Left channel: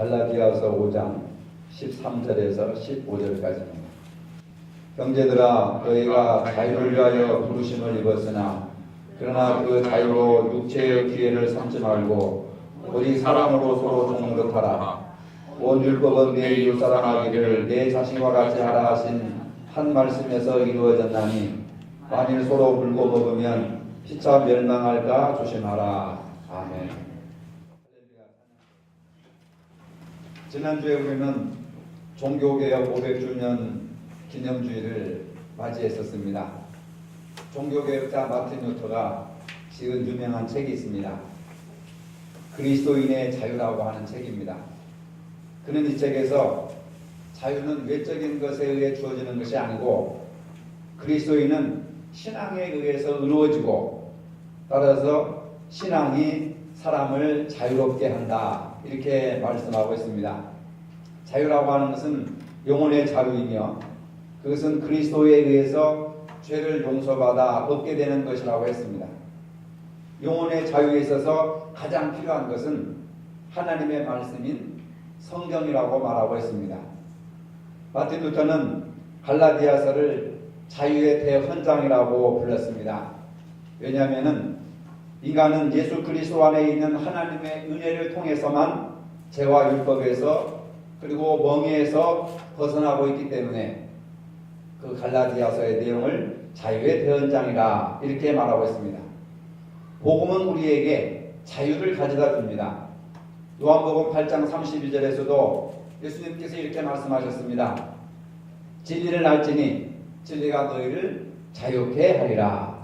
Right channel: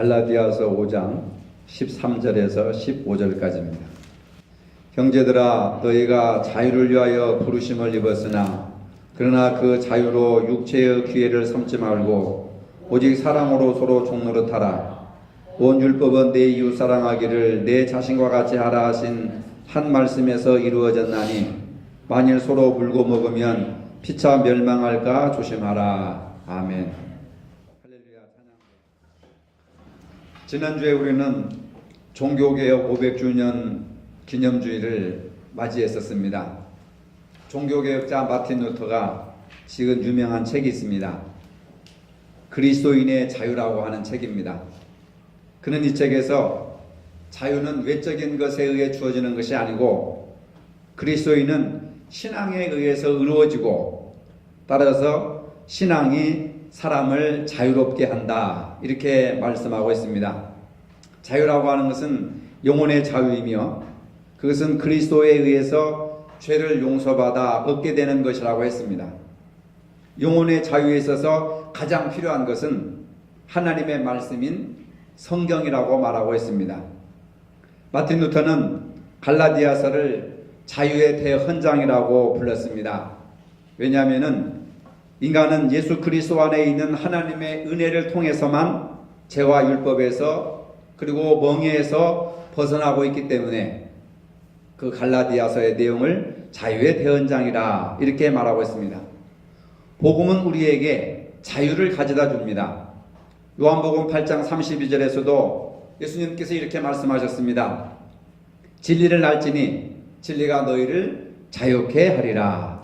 갈라디아서 5장 13절에서 15절까지입니다. 형제들아, 너희가 자유를 위하여 부르심을 입었으나 그러나 그 자유로 육체의 기회를 삼지 말고 오직 사랑으로 서로 종노릇하라. 온 율법은 내 이웃 사랑하기를 내 자신과 같이 하라 하신 한 말씀에서 이루어졌나니 만일 서로 물고 먹으면 피차 멸망할까 조심하라. 아멘. 지난주에 우리는 종교개혁 500주년 기념주의를 맞이했었습니다. 종교개혁자 마틴 루터가 지은 유명한 책이 있습니다. 그리스도인의 자유라고 하는 책입니다. 그는 이 책에서 자유는 외적인 것에 의해 주어지는 것이 아니고 그리스도인은 신앙에 의해서 이루어지고 따라서 신앙이 사람을 자유롭게 한다, 이렇게 말씀하고 있습니다. 자유라고 하는 것은 영혼의 자유이며 그것은 그리스도에 의해서 죄를 용서받아 얻게 되는 것이라고 했습니다. 영혼의 자유에 있어서 가장 필요한 것은 하나님의 말씀인 성경이라고 말하고 있습니다. 마틴 루터는 갈라디아서를 자유의 대헌장이라고 불렀습니다. 왜냐하면 인간은 예수 그리스도 안에 있는 하나님의 은혜를 통해서만 죄와 율법에서 그리고 멍에에서 벗어나고 있기 때문에 그 갈라디아서의 내용을 자유의 대헌장이라 이렇게 말하고 있습니다. 복음은 우리에게 자유를 가져다 줍니다. 요한복음 8장 32절에서도 예수님께서 이렇게 말씀하셨습니다. 진리를 알지니 진리가 너희를 자유케 하리라.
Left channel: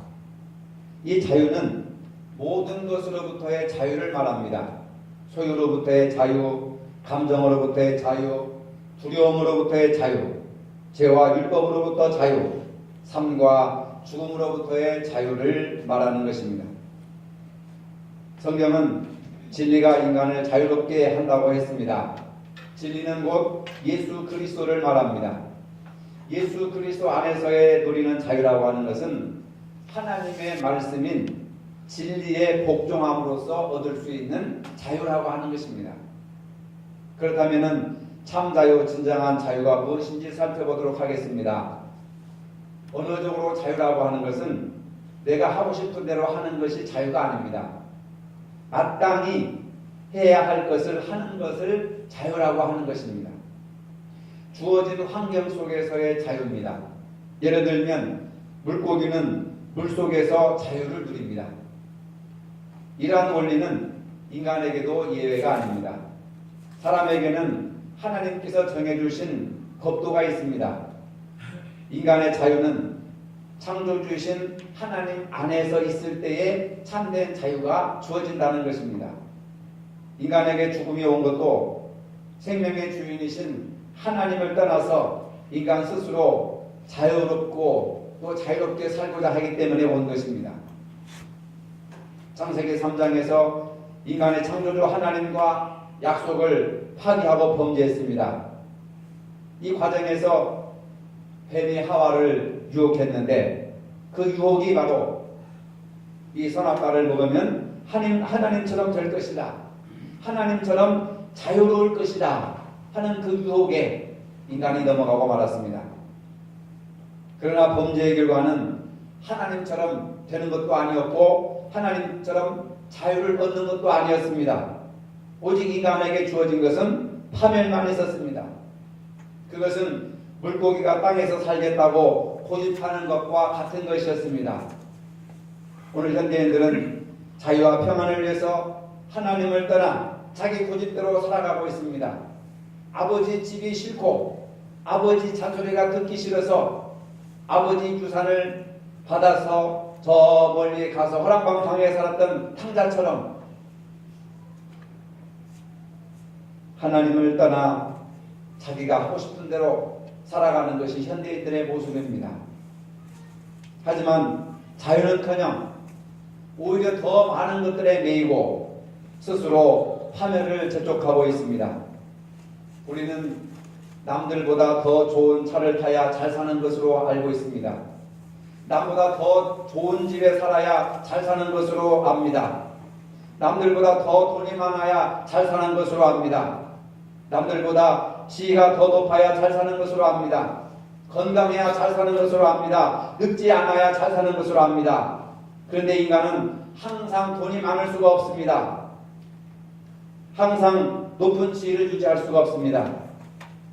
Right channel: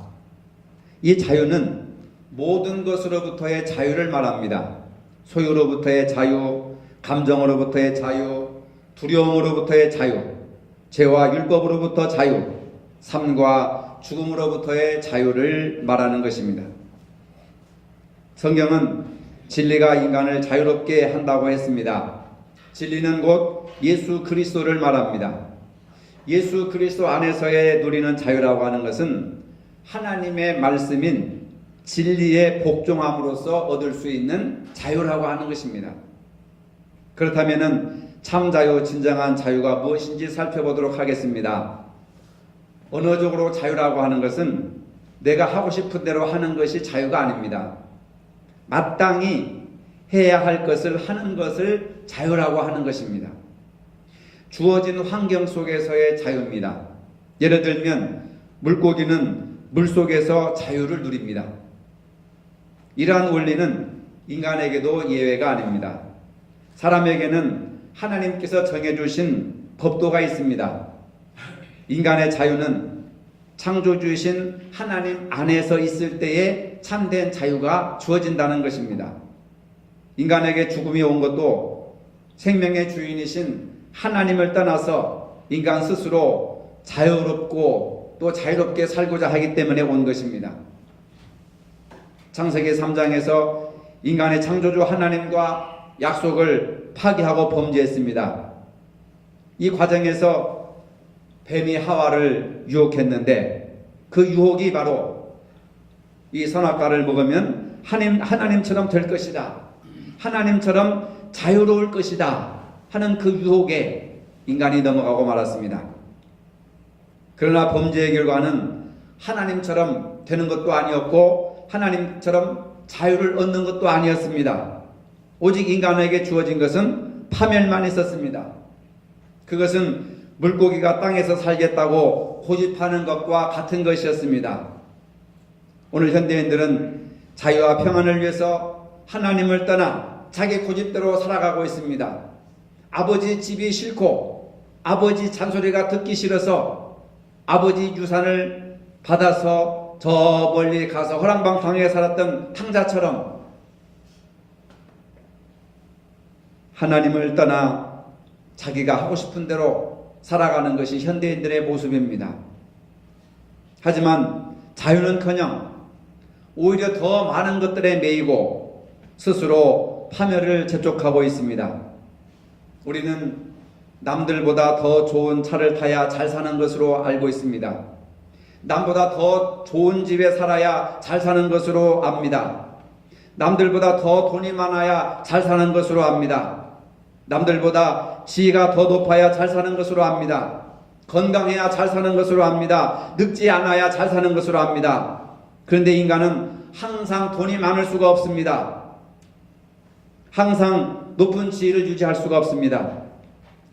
이 자유는 모든 것으로부터의 자유를 말합니다. 소유로부터의 자유, 감정으로부터의 자유, 두려움으로부터의 자유, 죄와 율법으로부터 자유, 삶과 죽음으로부터의 자유를 말하는 것입니다. 성경은 진리가 인간을 자유롭게 한다고 했습니다. 진리는 곧 예수 그리스도를 말합니다. 예수 그리스도 안에서의 누리는 자유라고 하는 것은 하나님의 말씀인 진리에 복종함으로써 얻을 수 있는 자유라고 하는 것입니다. 그렇다면 참 자유, 진정한 자유가 무엇인지 살펴보도록 하겠습니다. 언어적으로 자유라고 하는 것은 내가 하고 싶은 대로 하는 것이 자유가 아닙니다. 마땅히 해야 할 것을 하는 것을 자유라고 하는 것입니다. 주어진 환경 속에서의 자유입니다. 예를 들면 물고기는 물속에서 자유를 누립니다. 이러한 원리는 인간에게도 예외가 아닙니다. 사람에게는 하나님께서 정해주신 법도가 있습니다. 인간의 자유는 창조주이신 하나님 안에서 있을 때에 참된 자유가 주어진다는 것입니다. 인간에게 죽음이 온 것도 생명의 주인이신 하나님을 떠나서 인간 스스로 자유롭고 또 자유롭게 살고자 하기 때문에 온 것입니다. 창세기 3장에서 인간의 창조주 하나님과 약속을 파기하고 범죄했습니다. 이 과정에서 뱀이 하와를 유혹했는데 그 유혹이 바로 이 선악과를 먹으면 하나님처럼 될 것이다, 하나님처럼 자유로울 것이다 하는 그 유혹에 인간이 넘어가고 말았습니다. 그러나 범죄의 결과는 하나님처럼 되는 것도 아니었고 하나님처럼 자유를 얻는 것도 아니었습니다. 오직 인간에게 주어진 것은 파멸만 있었습니다. 그것은 물고기가 땅에서 살겠다고 고집하는 것과 같은 것이었습니다. 오늘 현대인들은 자유와 평안을 위해서 하나님을 떠나 자기 고집대로 살아가고 있습니다. 아버지 집이 싫고 아버지 잔소리가 듣기 싫어서 아버지 유산을 받아서 저 멀리 가서 허랑방탕하게 살았던 탕자처럼 하나님을 떠나 자기가 하고 싶은 대로 살아가는 것이 현대인들의 모습입니다. 하지만 자유는커녕 오히려 더 많은 것들에 매이고 스스로 파멸을 재촉하고 있습니다. 우리는 남들보다 더 좋은 차를 타야 잘 사는 것으로 알고 있습니다. 남보다 더 좋은 집에 살아야 잘 사는 것으로 압니다. 남들보다 더 돈이 많아야 잘 사는 것으로 압니다. 남들보다 지위가 더 높아야 잘 사는 것으로 압니다. 건강해야 잘 사는 것으로 압니다. 늙지 않아야 잘 사는 것으로 압니다. 그런데 인간은 항상 돈이 많을 수가 없습니다. 항상 높은 지위를 유지할 수가 없습니다.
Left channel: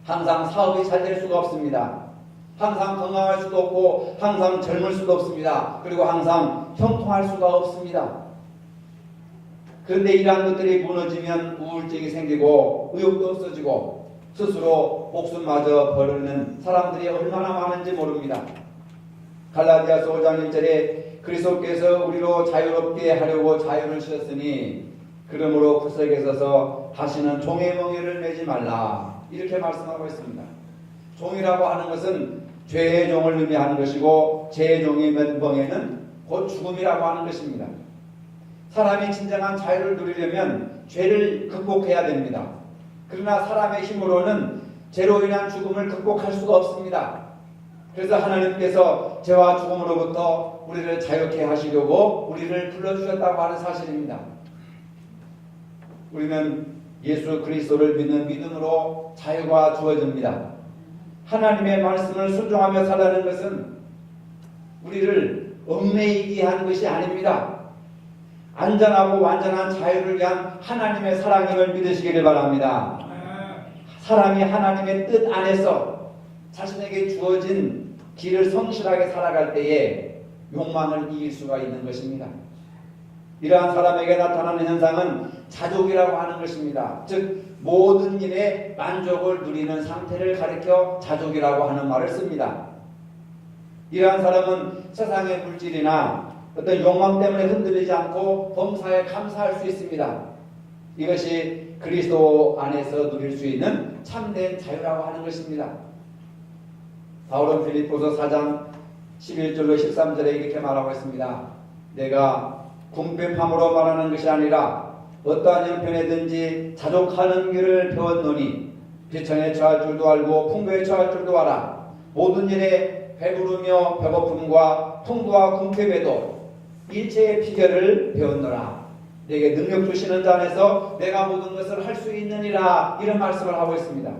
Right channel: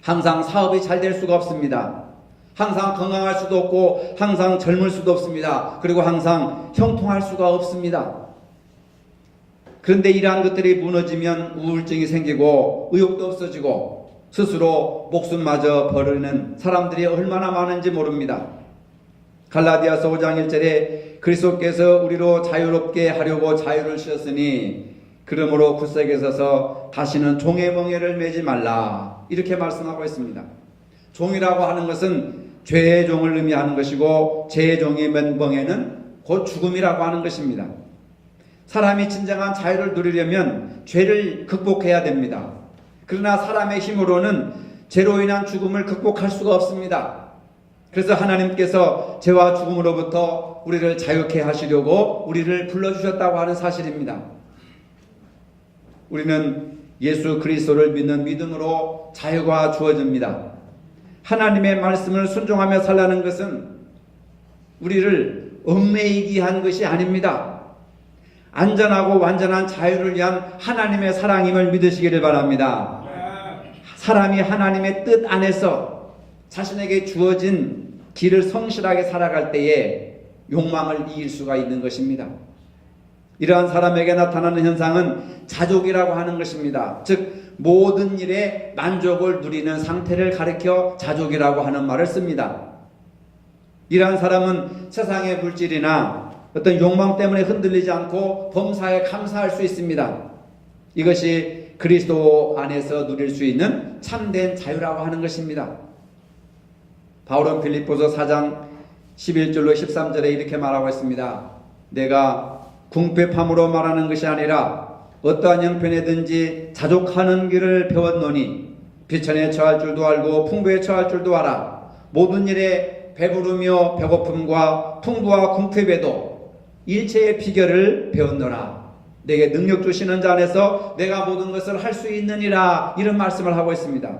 항상 사업이 잘 될 수가 없습니다. 항상 건강할 수도 없고 항상 젊을 수도 없습니다. 그리고 항상 형통할 수가 없습니다. 그런데 이러한 것들이 무너지면 우울증이 생기고 의욕도 없어지고 스스로 목숨마저 버리는 사람들이 얼마나 많은지 모릅니다. 갈라디아서 5장 1절에 그리스도께서 우리로 자유롭게 하려고 자유를 주셨으니 그러므로 굳세게 서서 다시는 종의 멍에를 매지 말라, 이렇게 말씀하고 있습니다. 종이라고 하는 것은 죄의 종을 의미하는 것이고 죄의 종이 맨 멍에는 곧 죽음이라고 하는 것입니다. 사람이 진정한 자유를 누리려면 죄를 극복해야 됩니다. 그러나 사람의 힘으로는 죄로 인한 죽음을 극복할 수가 없습니다. 그래서 하나님께서 죄와 죽음으로부터 우리를 자유케 하시려고 우리를 불러주셨다고 하는 사실입니다. 우리는 예수 그리스도를 믿는 믿음으로 자유가 주어집니다. 하나님의 말씀을 순종하며 살라는 것은 우리를 얽매이게 한 것이 아닙니다. 안전하고 완전한 자유를 위한 하나님의 사랑임을 믿으시기를 바랍니다. 사람이 하나님의 뜻 안에서 자신에게 주어진 길을 성실하게 살아갈 때에 욕망을 이길 수가 있는 것입니다. 이러한 사람에게 나타나는 현상은 자족이라고 하는 것입니다. 즉 모든 일에 만족을 누리는 상태를 가리켜 자족이라고 하는 말을 씁니다. 이러한 사람은 세상의 물질이나 어떤 욕망 때문에 흔들리지 않고 범사에 감사할 수 있습니다. 이것이 그리스도 안에서 누릴 수 있는 참된 자유라고 하는 것입니다. 바울은 빌립보서 4장 11절로 13절에 이렇게 말하고 있습니다. 내가 궁핍함으로 말하는 것이 아니라 어떠한 형편에든지 자족하는 길을 배웠노니 비천에 처할 줄도 알고 풍부에 처할 줄도 알아. 모든 일에 배부르며 배고픔과 풍부와 궁핍에도 일체의 비결을 배웠노라. 내게 능력 주시는 자 안에서 내가 모든 것을 할 수 있느니라, 이런 말씀을 하고 있습니다.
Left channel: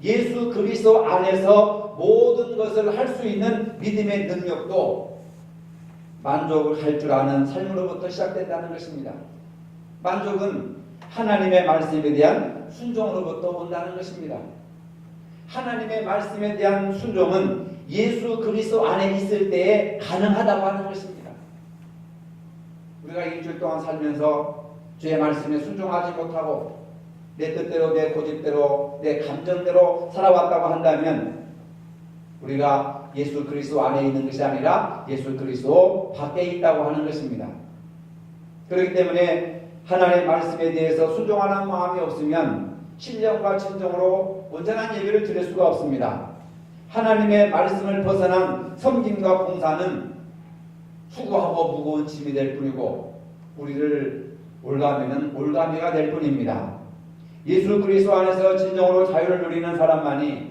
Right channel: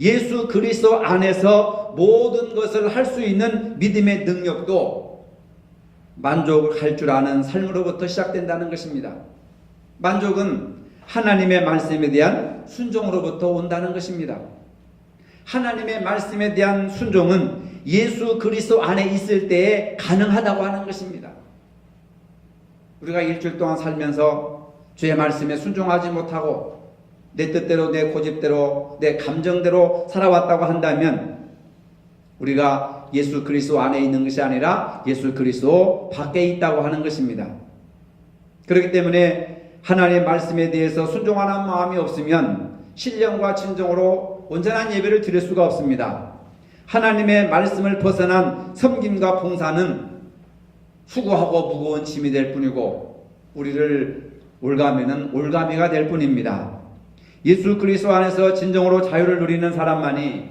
예수 그리스도 안에서 모든 것을 할 수 있는 믿음의 능력도 만족할 줄 아는 삶으로부터 시작된다는 것입니다. 만족은 하나님의 말씀에 대한 순종으로부터 온다는 것입니다. 하나님의 말씀에 대한 순종은 예수 그리스도 안에 있을 때에 가능하다고 하는 것입니다. 우리가 일주일 동안 살면서 주의 말씀에 순종하지 못하고 내 뜻대로 내 고집대로 내 감정대로 살아왔다고 한다면 우리가 예수 그리스도 안에 있는 것이 아니라 예수 그리스도 밖에 있다고 하는 것입니다. 그렇기 때문에 하나님의 말씀에 대해서 순종하는 마음이 없으면 신령과 진정으로 온전한 예배를 드릴 수가 없습니다. 하나님의 말씀을 벗어난 섬김과 봉사는 수고하고 무거운 짐이 될 뿐이고 우리를 올가매는 올가미가 될 뿐입니다. 예수 그리스도 안에서 진정으로 자유를 누리는 사람만이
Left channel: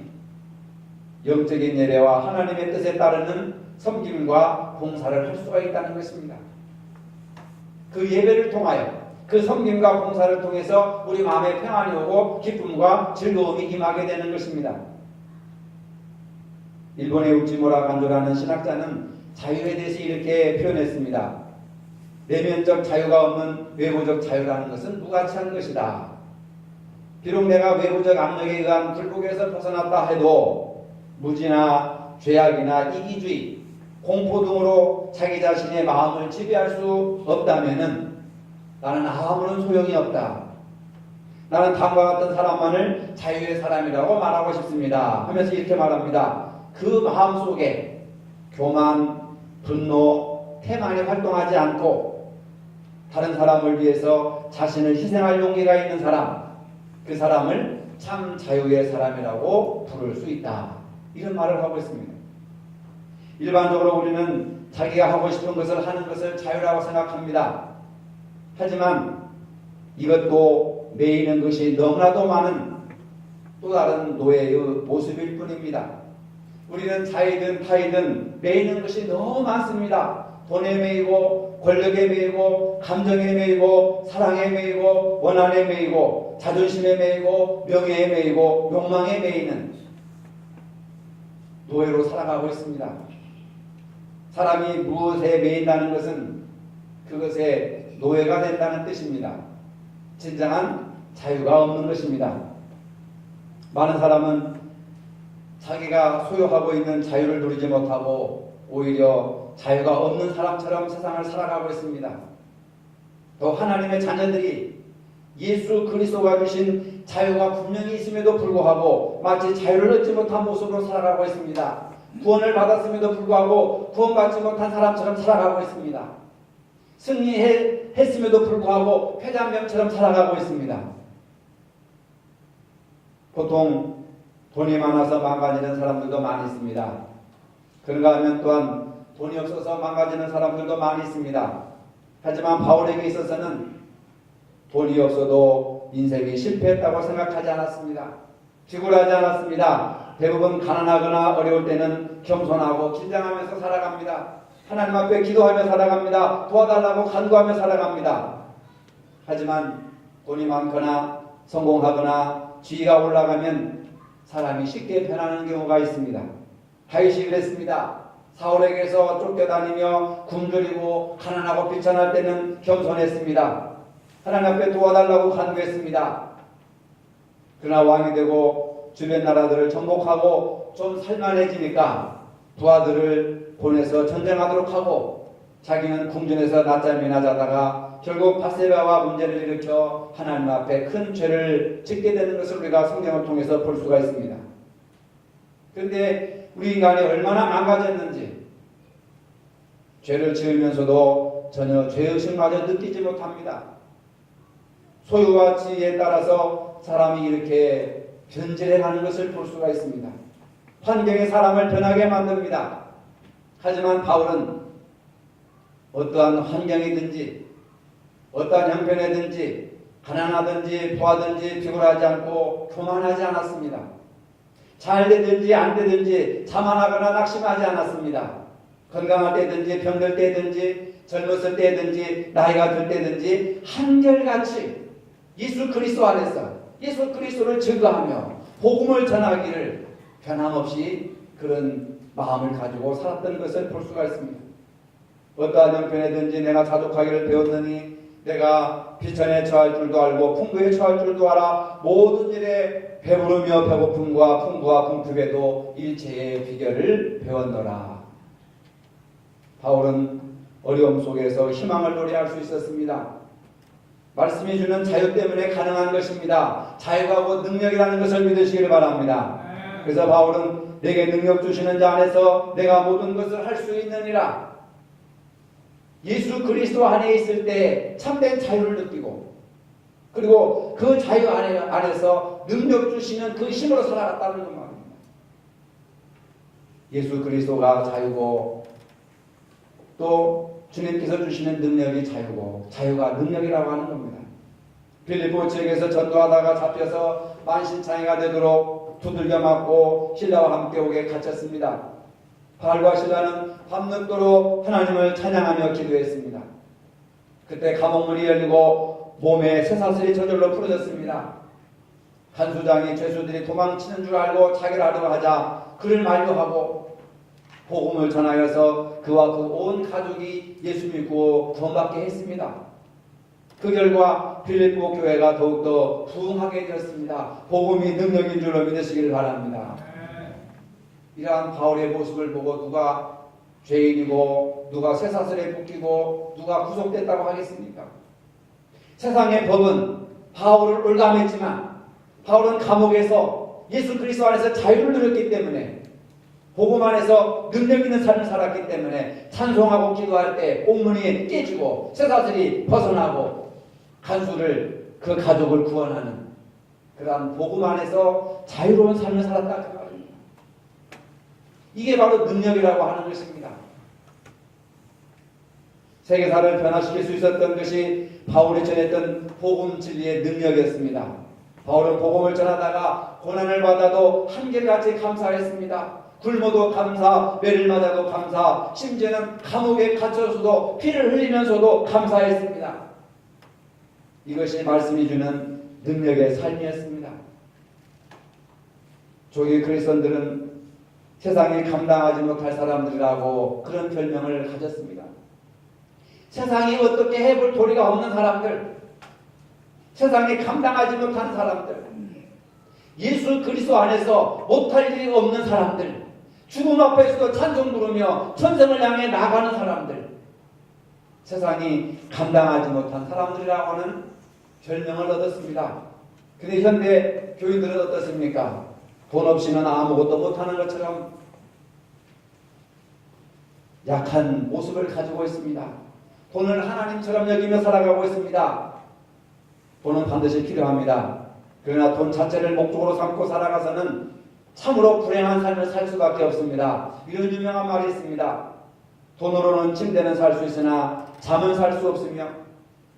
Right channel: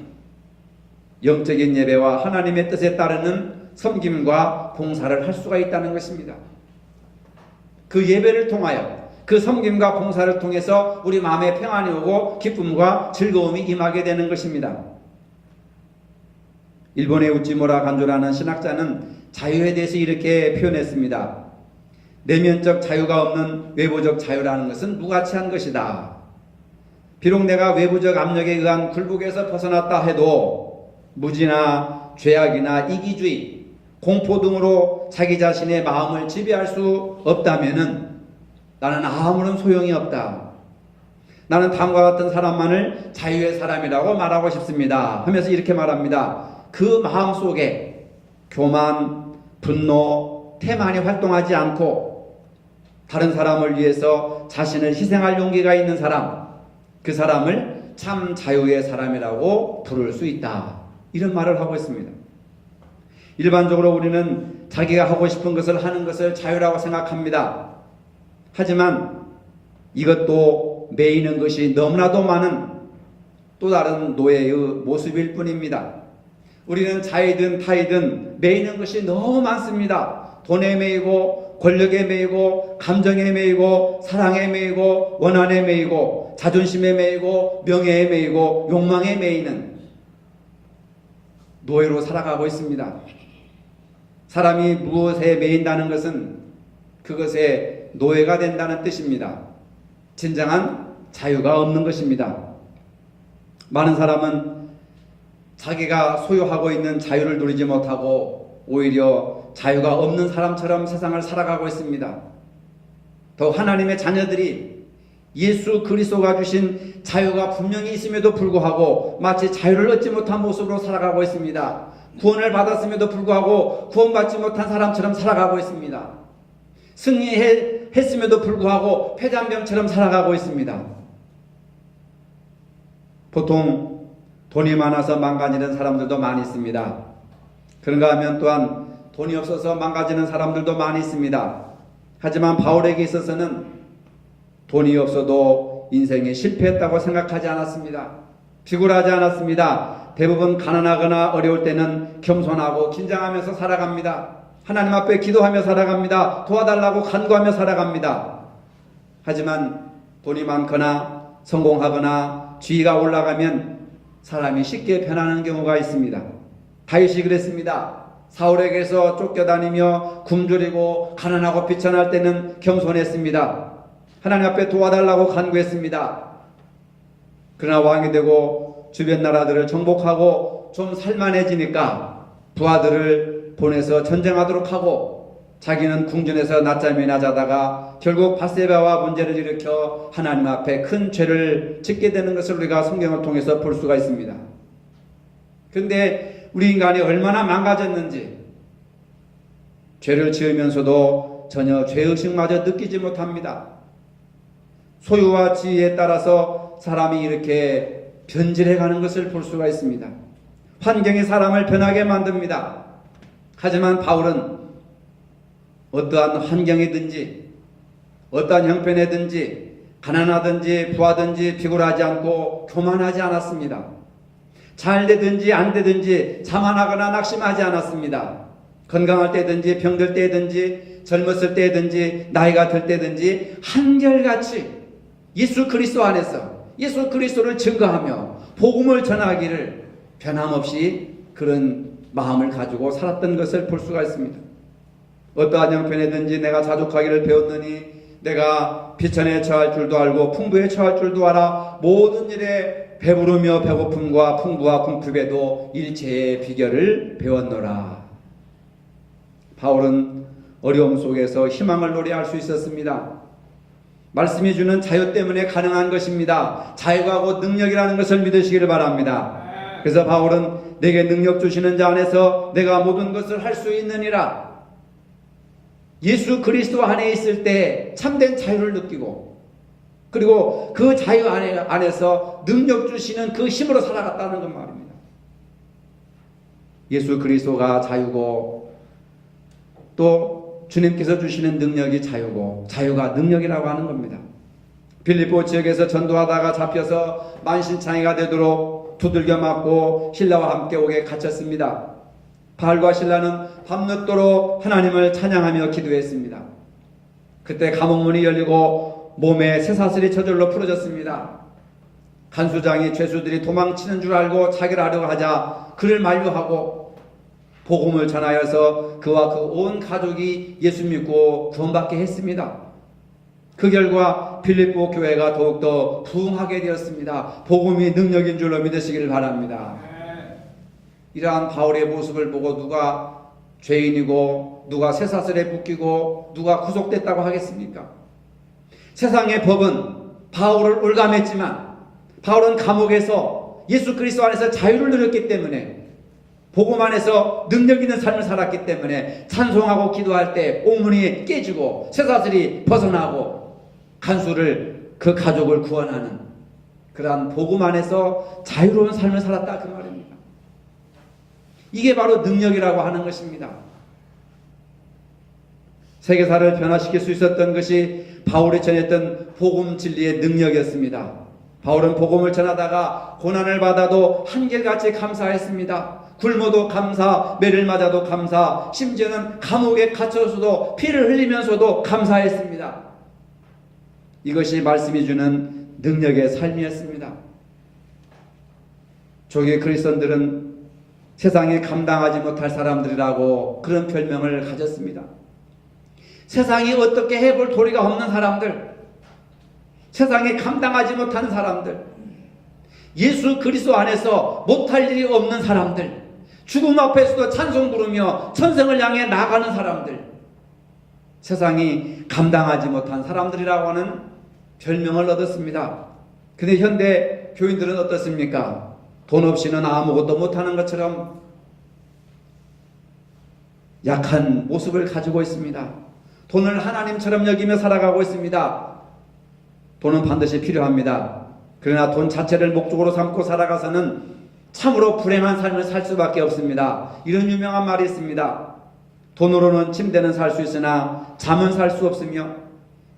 영적인 예배와 하나님의 뜻에 따르는 섬김과 봉사를 할 수가 있다는 것입니다. 그 예배를 통하여 그 섬김과 봉사를 통해서 우리 마음에 평안이 오고 기쁨과 즐거움이 임하게 되는 것입니다. 일본의 우찌무라 간조라는 신학자는 자유에 대해서 이렇게 표현했습니다. 내면적 자유가 없는 외부적 자유라는 것은 무가치한 것이다. 비록 내가 외부적 압력에 의한 굴복에서 벗어났다 해도 무지나 죄악이나 이기주의, 공포 등으로 자기 자신의 마음을 지배할 수 없다면은 나는 아무런 소용이 없다. 나는 다음과 같은 사람만을 자유의 사람이라고 말하고 싶습니다. 하면서 이렇게 말합니다. 그 마음 속에 교만, 분노, 태만이 활동하지 않고 다른 사람을 위해서 자신을 희생할 용기가 있는 사람, 그 사람을 참 자유의 사람이라고 부를 수 있다. 이런 말을 하고 있습니다. 일반적으로 우리는 자기가 하고 싶은 것을 하는 것을 자유라고 생각합니다. 하지만 이것도 매이는 것이 너무나도 많은 또 다른 노예의 모습일 뿐입니다. 우리는 자이든 타이든 매이는 것이 너무 많습니다. 돈에 매이고 권력에 매이고 감정에 매이고 사랑에 매이고 원한에 매이고 자존심에 매이고 명예에 매이고 욕망에 매이는 노예로 살아가고 있습니다. 사람이 무엇에 매인다는 것은 그것에 노예가 된다는 뜻입니다. 진정한 자유가 없는 것입니다. 많은 사람은 자기가 소유하고 있는 자유를 누리지 못하고 오히려 자유가 없는 사람처럼 세상을 살아가고 있습니다. 더 하나님의 자녀들이 예수 그리스도가 주신 자유가 분명히 있음에도 불구하고 마치 자유를 얻지 못한 모습으로 살아가고 있습니다. 구원을 받았음에도 불구하고 구원받지 못한 사람처럼 살아가고 있습니다. 승리했음에도 불구하고 패잔병처럼 살아가고 있습니다. 보통 돈이 많아서 망가지는 사람들도 많이 있습니다. 그런가 하면 또한 돈이 없어서 망가지는 사람들도 많이 있습니다. 하지만 바울에게 있어서는 돈이 없어도 인생이 실패했다고 생각하지 않았습니다. 비굴하지 않았습니다. 대부분 가난하거나 어려울 때는 겸손하고 긴장하면서 살아갑니다. 하나님 앞에 기도하며 살아갑니다. 도와달라고 간구하며 살아갑니다. 하지만 돈이 많거나 성공하거나 지위가 올라가면 사람이 쉽게 변하는 경우가 있습니다. 다윗이 그랬습니다. 사울에게서 쫓겨다니며 굶주리고 가난하고 비천할 때는 겸손했습니다. 하나님 앞에 도와달라고 간구했습니다. 그러나 왕이 되고 주변 나라들을 정복하고 좀 살만해지니까 부하들을 보내서 전쟁하도록 하고 자기는 궁전에서 낮잠이나 자다가 결국 밧세바와 문제를 일으켜 하나님 앞에 큰 죄를 짓게 되는 것을 우리가 성경을 통해서 볼 수가 있습니다. 그런데 우리 인간이 얼마나 망가졌는지 죄를 지으면서도 전혀 죄의식마저 느끼지 못합니다. 소유와 지위에 따라서 사람이 이렇게 변질해가는 것을 볼 수가 있습니다. 환경이 사람을 변하게 만듭니다. 하지만 바울은 어떠한 환경이든지 어떠한 형편이든지 가난하든지 부하든지 비굴하지 않고 교만하지 않았습니다. 잘 되든지 안 되든지 자만하거나 낙심하지 않았습니다. 건강할 때든지 병들 때든지 젊었을 때든지 나이가 들 때든지 한결같이 예수 그리스도 안에서 예수 그리스도를 증거하며 복음을 전하기를 변함없이 그런 마음을 가지고 살았던 것을 볼 수가 있습니다. 어떠한 형편이든지 내가 자족하기를 배웠느니 내가 비천에 처할 줄도 알고 풍부에 처할 줄도 알아 모든 일에 배부르며 배고픔과 풍부와 궁핍에도 일체의 비결을 배웠노라. 바울은 어려움 속에서 희망을 노래할 수 있었습니다. 말씀이 주는 자유 때문에 가능한 것입니다. 자유가 곧 능력이라는 것을 믿으시기를 바랍니다. 그래서 바울은 내게 능력 주시는 자 안에서 내가 모든 것을 할 수 있느니라. 예수 그리스도 안에 있을 때 참된 자유를 느끼고 그리고 그 자유 안에서 능력 주시는 그 힘으로 살아갔다는 것 말입니다. 예수 그리스도가 자유고 또 주님께서 주시는 능력이 자유고 자유가 능력이라고 하는 겁니다. 빌립보 지역에서 전도하다가 잡혀서 만신창이가 되도록 두들겨 맞고 신라와 함께 오게 갇혔습니다. 바울과 신라는 밤늦도록 하나님을 찬양하며 기도했습니다. 그때 감옥문이 열리고 몸에 쇠사슬이 저절로 풀어졌습니다. 간수장이 죄수들이 도망치는 줄 알고 자기를 하려고 하자 그를 만류하고 복음을 전하여서 그와 그 온 가족이 예수 믿고 구원받게 했습니다. 그 결과 빌립보 교회가 더욱더 부흥하게 되었습니다. 복음이 능력인 줄로 믿으시길 바랍니다. 이러한 바울의 모습을 보고 누가 죄인이고 누가 쇠사슬에 묶이고 누가 구속됐다고 하겠습니까? 세상의 법은 바울을 올감했지만 바울은 감옥에서 예수 그리스도 안에서 자유를 누렸기 때문에 복음 안에서 능력 있는 삶을 살았기 때문에 찬송하고 기도할 때 옥문이 깨지고 쇠사슬이 벗어나고 간수를 그 가족을 구원하는 그러한 복음 안에서 자유로운 삶을 살았다 그 말입니다. 이게 바로 능력이라고 하는 것입니다. 세계사를 변화시킬 수 있었던 것이 바울이 전했던 복음 진리의 능력이었습니다. 바울은 복음을 전하다가 고난을 받아도 한결같이 감사했습니다. 굶어도 감사, 매를 맞아도 감사, 심지어는 감옥에 갇혀서도 피를 흘리면서도 감사했습니다. 이것이 말씀이 주는 능력의 삶이었습니다. 조기 그리스도인들은 세상에 감당하지 못할 사람들이라고 그런 별명을 가졌습니다. 세상이 어떻게 해볼 도리가 없는 사람들, 세상에 감당하지 못한 사람들, 예수 그리스도 안에서 못할 일이 없는 사람들, 죽음 앞에서도 찬송 부르며 천성을 향해 나가는 사람들, 세상이 감당하지 못한 사람들이라고 하는 별명을 얻었습니다. 근데 현대 교인들은 어떻습니까? 돈 없이는 아무것도 못하는 것처럼 약한 모습을 가지고 있습니다. 돈을 하나님처럼 여기며 살아가고 있습니다. 돈은 반드시 필요합니다. 그러나 돈 자체를 목적으로 삼고 살아가서는 참으로 불행한 삶을 살 수밖에 없습니다. 이런 유명한 말이 있습니다. 돈으로는 침대는 살 수 있으나 잠은 살 수 없으며,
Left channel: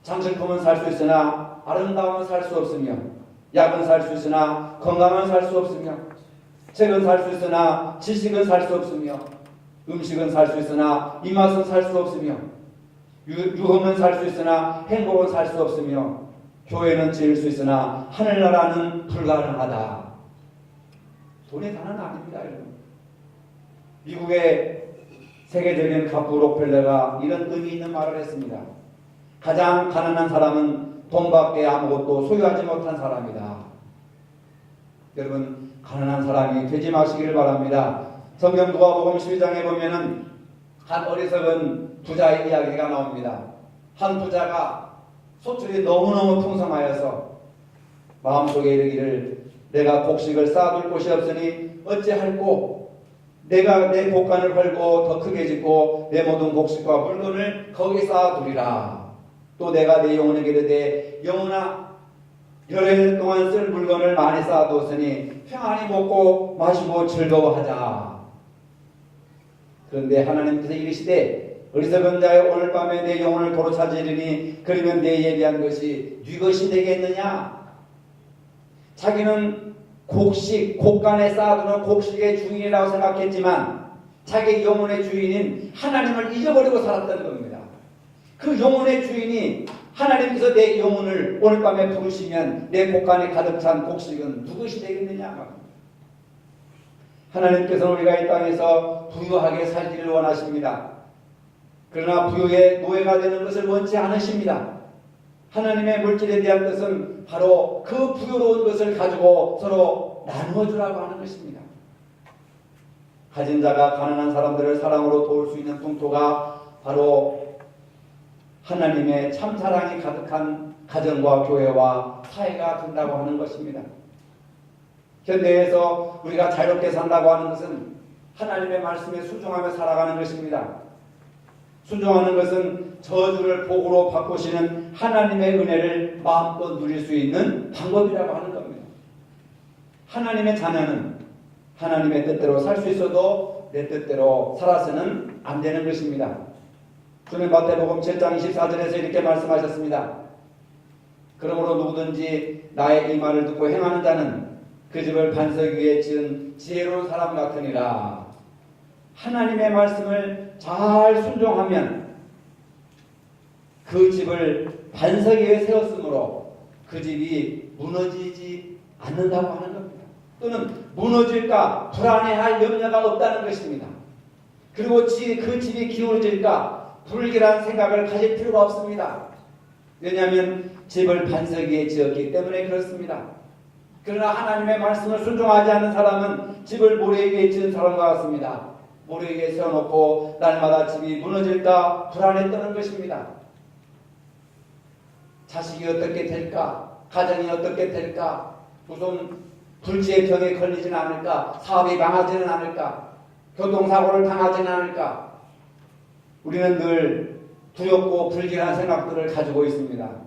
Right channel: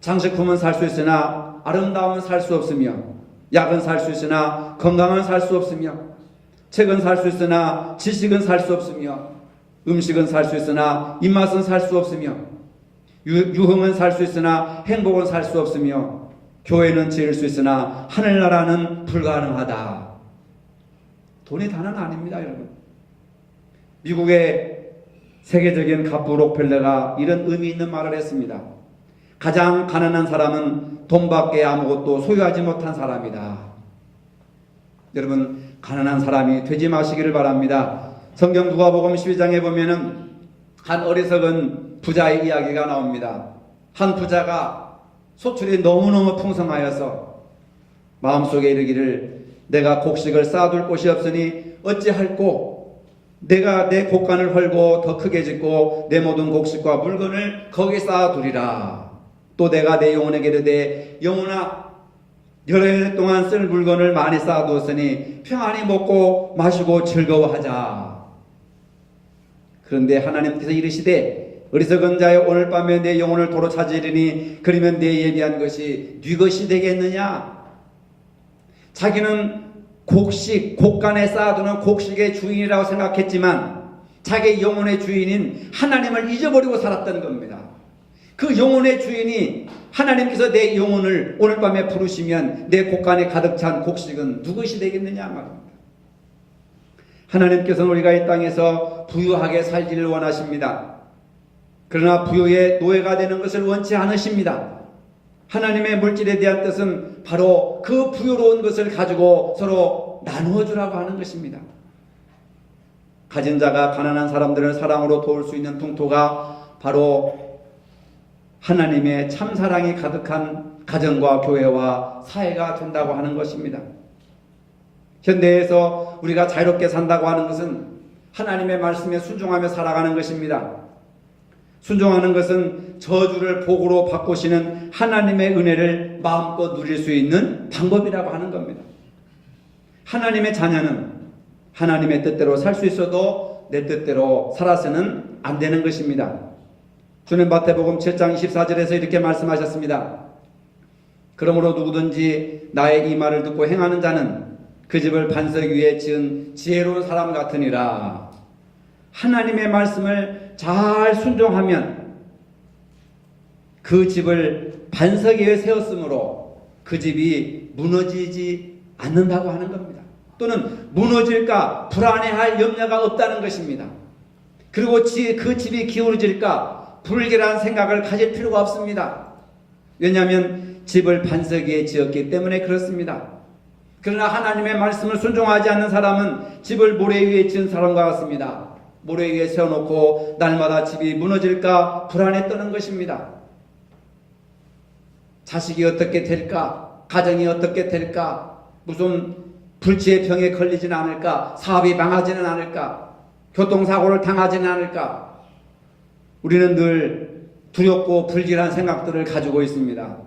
장식품은 살 수 있으나 아름다움은 살 수 없으며, 약은 살 수 있으나 건강은 살 수 없으며, 책은 살 수 있으나 지식은 살 수 없으며, 음식은 살 수 있으나 입맛은 살 수 없으며, 유흥은 살 수 있으나 행복은 살 수 없으며, 교회는 지을 수 있으나 하늘나라는 불가능하다. 돈이 다는 아닙니다, 여러분. 미국의 세계적인 갑부 록펠러가 이런 의미 있는 말을 했습니다. 가장 가난한 사람은 돈밖에 아무것도 소유하지 못한 사람이다. 여러분, 가난한 사람이 되지 마시기를 바랍니다. 성경 누가복음 12장에 보면은 한 어리석은 부자의 이야기가 나옵니다. 한 부자가 소출이 너무너무 풍성하여서 마음속에 이르기를 내가 곡식을 쌓아둘 곳이 없으니 어찌할꼬, 내가 내 곡간을 헐고 더 크게 짓고 내 모든 곡식과 물건을 거기 쌓아두리라. 또 내가 내 영혼에게 이르되 영혼아, 여러 해 동안 쓸 물건을 많이 쌓아두었으니 평안히 먹고 마시고 즐거워하자. 그런데 하나님께서 이르시되 어리석은 자여, 오늘 밤에 내 영혼을 도로 찾으리니 그러면 내 얘기한 것이 네 것이 되겠느냐. 자기는 곡식, 곡간에 쌓아두는 곡식의 주인이라고 생각했지만 자기 영혼의 주인인 하나님을 잊어버리고 살았던 겁니다. 그 영혼의 주인이 하나님께서 내 영혼을 오늘 밤에 부르시면 내 곡간에 가득 찬 곡식은 누구시 되겠느냐 말입니다. 하나님께서는 우리가 이 땅에서 부유하게 살기를 원하십니다. 그러나 부유의 노예가 되는 것을 원치 않으십니다. 하나님의 물질에 대한 뜻은 바로 그 부유로운 것을 가지고 서로 나누어 주라고 하는 것입니다. 가진 자가 가난한 사람들을 사랑으로 도울 수 있는 통토가 바로 하나님의 참사랑이 가득한 가정과 교회와 사회가 된다고 하는 것입니다. 현대에서 우리가 자유롭게 산다고 하는 것은 하나님의 말씀에 순종하며 살아가는 것입니다. 순종하는 것은 저주를 복으로 바꾸시는 하나님의 은혜를 마음껏 누릴 수 있는 방법이라고 하는 겁니다. 하나님의 자녀는 하나님의 뜻대로 살 수 있어도 내 뜻대로 살아서는 안 되는 것입니다. 주님 마태복음 7장 24절에서 이렇게 말씀하셨습니다. 그러므로 누구든지 나의 이 말을 듣고 행하는 자는 그 집을 반석 위에 지은 지혜로운 사람 같으니라. 하나님의 말씀을 잘 순종하면 그 집을 반석 위에 세웠으므로 그 집이 무너지지 않는다고 하는 겁니다. 또는 무너질까 불안해할 염려가 없다는 것입니다. 그리고 그 집이 기울어질까 불길한 생각을 가질 필요가 없습니다. 왜냐하면 집을 반석 위에 지었기 때문에 그렇습니다. 그러나 하나님의 말씀을 순종하지 않는 사람은 집을 모래 위에 지은 사람과 같습니다. 모래 위에 세워놓고 날마다 집이 무너질까 불안에 떠는 것입니다. 자식이 어떻게 될까? 가정이 어떻게 될까? 무슨 불치의 병에 걸리지는 않을까? 사업이 망하지는 않을까? 교통사고를 당하지는 않을까? 우리는 늘 두렵고 불길한 생각들을 가지고 있습니다.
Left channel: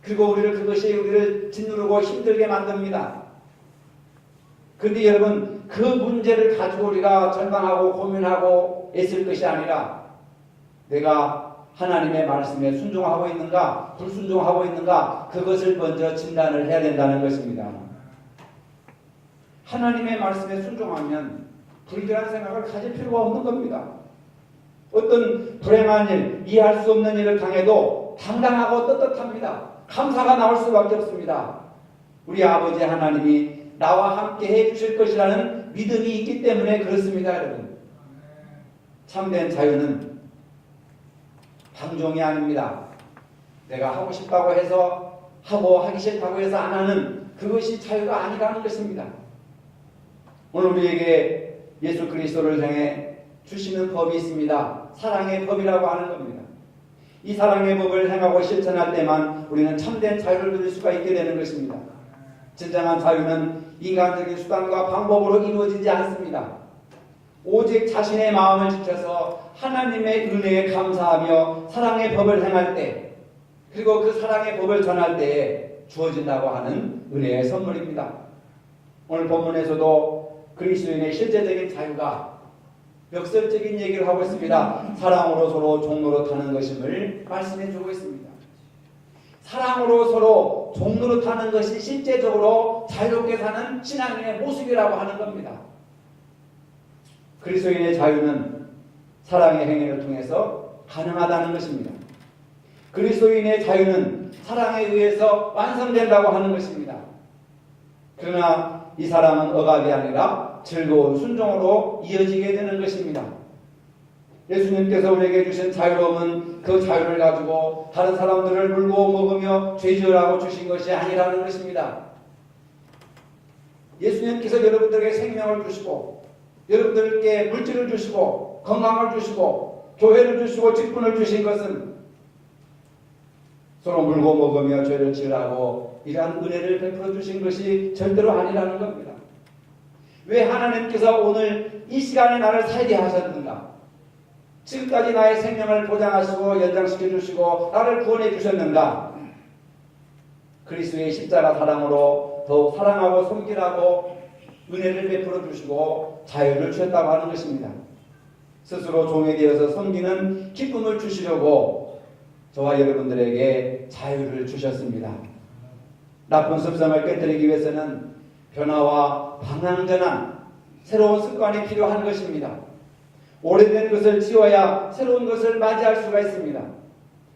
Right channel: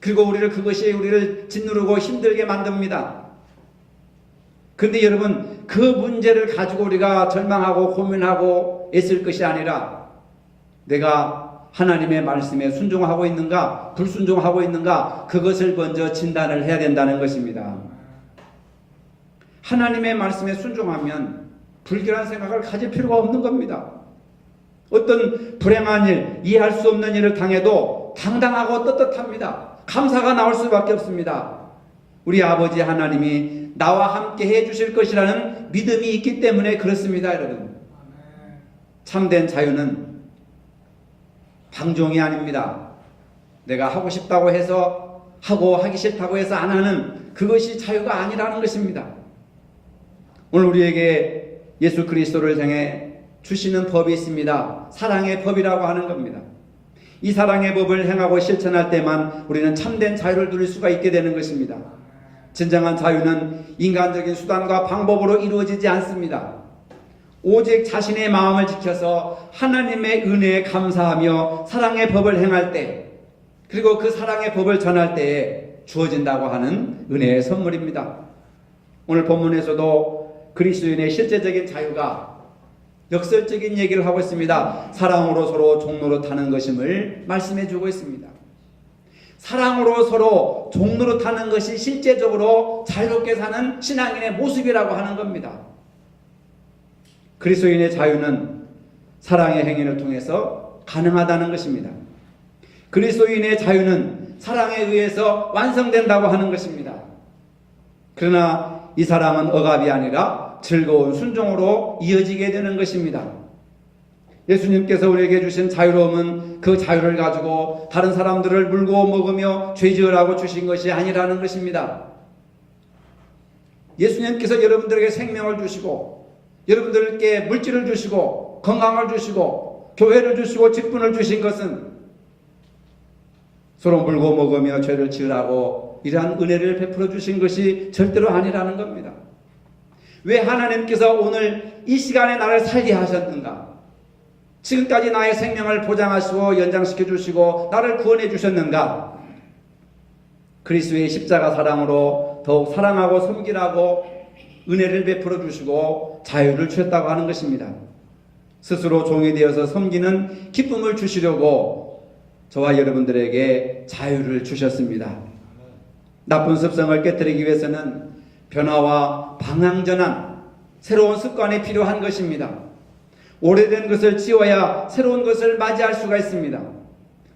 그리고 그것이 우리를 짓누르고 힘들게 만듭니다. 그런데 여러분, 그 문제를 가지고 우리가 절망하고 고민하고 애쓸 것이 아니라 내가 하나님의 말씀에 순종하고 있는가 불순종하고 있는가, 그것을 먼저 진단을 해야 된다는 것입니다. 하나님의 말씀에 순종하면 불결한 생각을 가질 필요가 없는 겁니다. 어떤 불행한 일, 이해할 수 없는 일을 당해도 당당하고 떳떳합니다. 감사가 나올 수밖에 없습니다. 우리 아버지 하나님이 나와 함께 해주실 것이라는 믿음이 있기 때문에 그렇습니다. 여러분, 참된 자유는 방종이 아닙니다. 내가 하고 싶다고 해서 하고 하기 싫다고 해서 안 하는 그것이 자유가 아니라는 것입니다. 오늘 우리에게 예수 그리스도를 향해 주시는 법이 있습니다. 사랑의 법이라고 하는 겁니다. 이 사랑의 법을 행하고 실천할 때만 우리는 참된 자유를 누릴 수가 있게 되는 것입니다. 진정한 자유는 인간적인 수단과 방법으로 이루어지지 않습니다. 오직 자신의 마음을 지켜서 하나님의 은혜에 감사하며 사랑의 법을 행할 때, 그리고 그 사랑의 법을 전할 때에 주어진다고 하는 은혜의 선물입니다. 오늘 본문에서도 그리스도인의 실제적인 자유가 역설적인 얘기를 하고 있습니다. 사랑으로 서로 종노릇하는 것임을 말씀해 주고 있습니다. 사랑으로 서로 종노릇하는 것이 실제적으로 자유롭게 사는 신앙인의 모습이라고 하는 겁니다. 그리스도인의 자유는 사랑의 행위를 통해서 가능하다는 것입니다. 그리스도인의 자유는 사랑에 의해서 완성된다고 하는 것입니다. 그러나 이 사랑은 억압이 아니라 즐거운 순종으로 이어지게 되는 것입니다. 예수님께서 우리에게 주신 자유로움은 그 자유를 가지고 다른 사람들을 물고 먹으며 죄지으라고 주신 것이 아니라는 것입니다. 예수님께서 여러분들에게 생명을 주시고, 여러분들께 물질을 주시고, 건강을 주시고, 교회를 주시고, 직분을 주신 것은 서로 물고 먹으며 죄를 지으라고 이러한 은혜를 베풀어 주신 것이 절대로 아니라는 겁니다. 왜 하나님께서 오늘 이 시간에 나를 살게 하셨는가? 지금까지 나의 생명을 보장하시고 연장시켜 주시고 나를 구원해 주셨는가? 그리스도의 십자가 사랑으로 더욱 사랑하고 섬기라고 은혜를 베풀어 주시고 자유를 주셨다고 하는 것입니다. 스스로 종이 되어서 섬기는 기쁨을 주시려고 저와 여러분들에게 자유를 주셨습니다. 나쁜 습성을 깨뜨리기 위해서는 변화와 방향전환, 새로운 습관이 필요한 것입니다. 오래된 것을 치워야 새로운 것을 맞이할 수가 있습니다.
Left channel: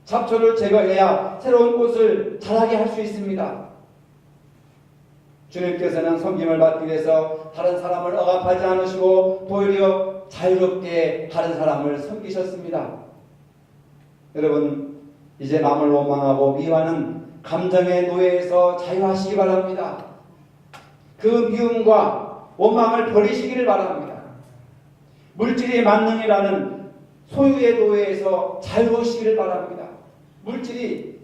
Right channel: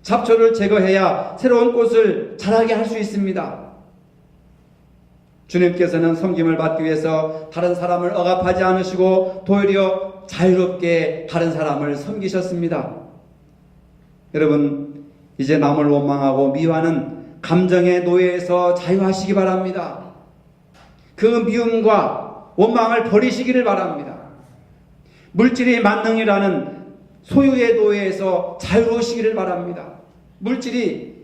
잡초를 제거해야 새로운 꽃을 자라게 할 수 있습니다. 주님께서는 섬김을 받기 위해서 다른 사람을 억압하지 않으시고 도리어 자유롭게 다른 사람을 섬기셨습니다. 여러분, 이제 남을 원망하고 미워하는 감정의 노예에서 자유하시기 바랍니다. 그 미움과 원망을 버리시기를 바랍니다. 물질이 만능이라는 소유의 노예에서 자유로우시기를 바랍니다. 물질이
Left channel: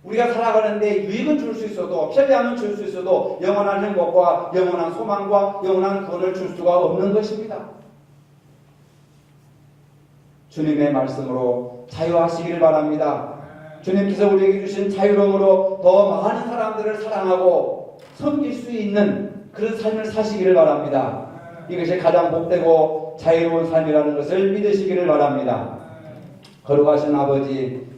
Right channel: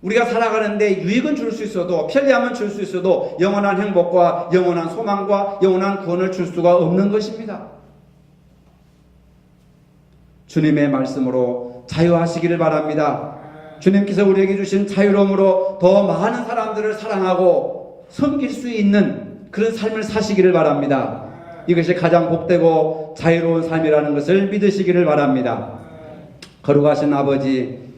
우리가 살아가는데 유익은 줄 수 있어도, 편리함은 줄 수 있어도 영원한 행복과 영원한 소망과 영원한 구원을 줄 수가 없는 것입니다. 주님의 말씀으로 자유하시기를 바랍니다. 주님께서 우리에게 주신 자유로움으로 더 많은 사람들을 사랑하고 섬길 수 있는 그런 삶을 사시기를 바랍니다. 이것이 가장 복되고 자유로운 삶이라는 것을 믿으시기를 바랍니다. 거룩하신 아버지,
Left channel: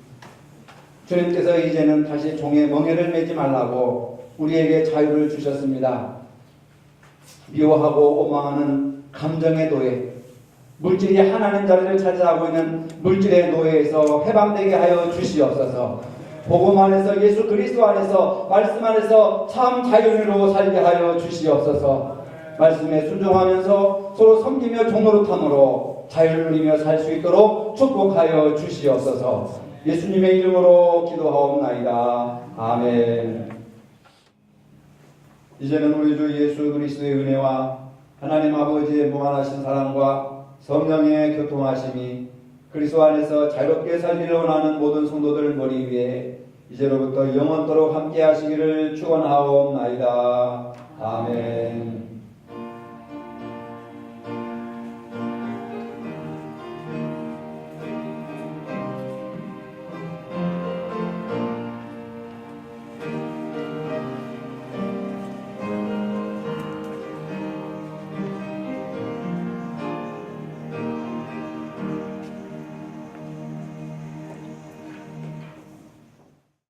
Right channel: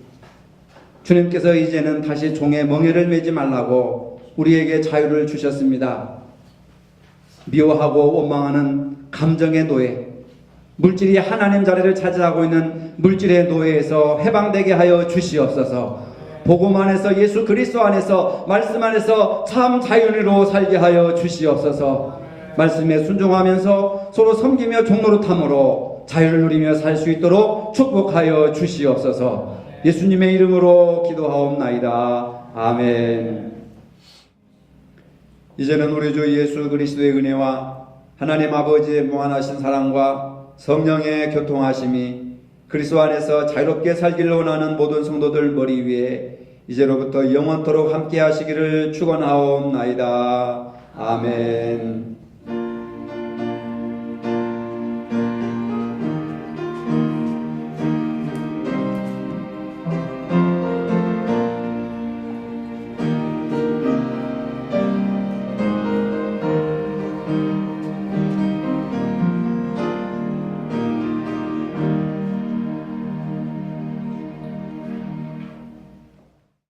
주님께서 이제는 다시 종의 멍에를 매지 말라고 우리에게 자유를 주셨습니다. 미워하고 원망하는 감정의 노예, 물질이 하나님 자리를 차지하고 있는 물질의 노예에서 해방되게 하여 주시옵소서. 복음 안에서, 예수 그리스도 안에서, 말씀 안에서 참 자유로 살게 하여 주시옵소서. 말씀에 순종하면서 서로 섬기며 종노릇함으로 자유를 누리며 살 수 있도록 축복하여 주시옵소서. 예수님의 이름으로 기도하옵나이다. 아멘. 이제는 우리 주 예수 그리스도의 은혜와 하나님 아버지의 무한하신 사랑과 성령의 교통하심이 그리스도 안에서 자유롭게 살기를 원하는 모든 성도들 머리 위에 이제로부터 영원토록 함께 하시기를 축원하옵나이다. 아멘.